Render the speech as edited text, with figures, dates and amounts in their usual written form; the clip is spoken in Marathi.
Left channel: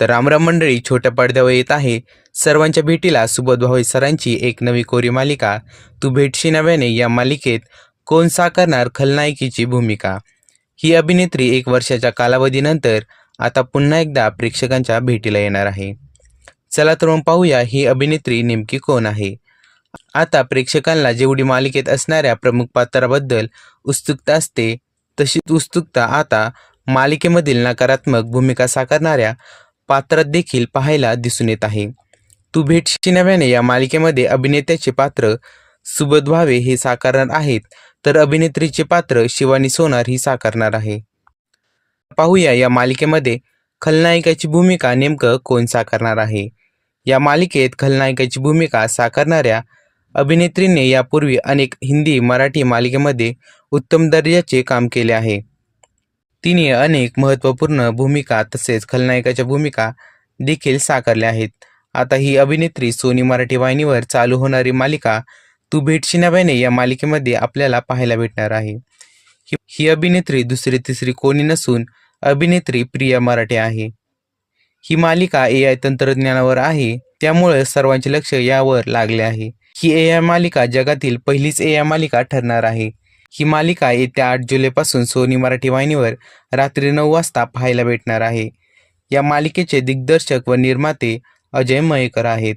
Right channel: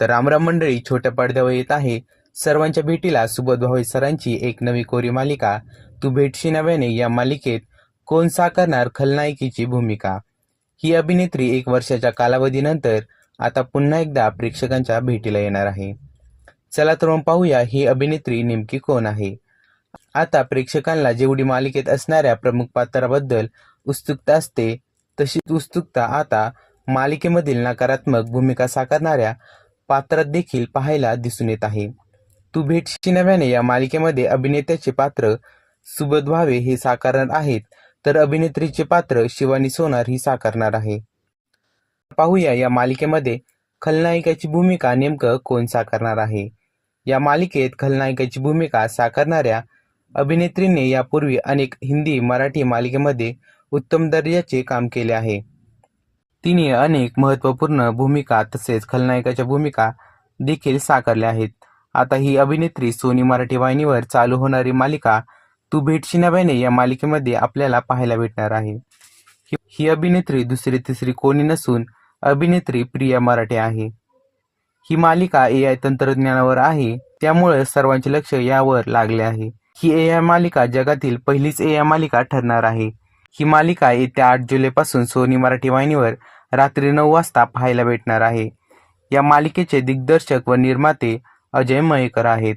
तर रामराम मंडळी, छोट्या पडद्यावर येत आहे सर्वांच्या भेटीला सुबोध भावे सरांची एक नवी कोरी मालिका तू भेटशी नव्याने. या मालिकेत कोण साकारणार खलनायकीची भूमिका? ही अभिनेत्री 1 वर्षाच्या कालावधीनंतर आता पुन्हा एकदा प्रेक्षकांच्या भेटीला येणार आहे. चला तर मग पाहूया ही अभिनेत्री नेमकी कोण आहे. आता प्रेक्षकांना जेवढी मालिकेत असणाऱ्या प्रमुख पात्राबद्दल उत्सुकता असते, तशीच उत्सुकता आता मालिकेमधील नकारात्मक भूमिका साकारणाऱ्या पात्रात देखील पाहायला दिसून येत आहे. तू भेटशी नव्याने या मालिकेमध्ये अभिनेत्याचे पात्र सुबोध भावे हे साकारणार आहेत, तर अभिनेत्रीचे पात्र शिवानी सोनार ही साकारणार आहे. पाहूया या मालिकेमध्ये खलनायिकाची भूमिका नेमकं कोण साकारणार आहे. या मालिकेत खलनायिकाची भूमिका साकारणाऱ्या अभिनेत्रीने यापूर्वी अनेक हिंदी मराठी मालिकेमध्ये उत्तम दर्जाचे काम केले आहे. तिने अनेक महत्त्वपूर्ण भूमिका तसेच खलनायकाच्या भूमिका देखील साकारल्या आहेत. आता ही अभिनेत्री सोनी मराठी वाहिनीवर चालू होणारी मालिका तू भेटशी नव्याने या मालिकेमध्ये आपल्याला पाहायला भेटणार आहे. ही अभिनेत्री दुसरी तिसरी कोणी नसून अभिनेत्री प्रिया मराठे आहे. ही मालिका AI तंत्रज्ञानावर आहे, त्यामुळे सर्वांचे लक्ष यावर लागले आहे. ही AI मालिका जगातील पहिलीच AI मालिका ठरणार आहे. ही मालिका येत्या 8 जुलैपासून सोनी मराठी वाहिनीवर रात्री 9 वाजता पाहायला भेटणार आहे. या मालिकेचे दिग्दर्शक व निर्माते अजय मयेकर आहेत.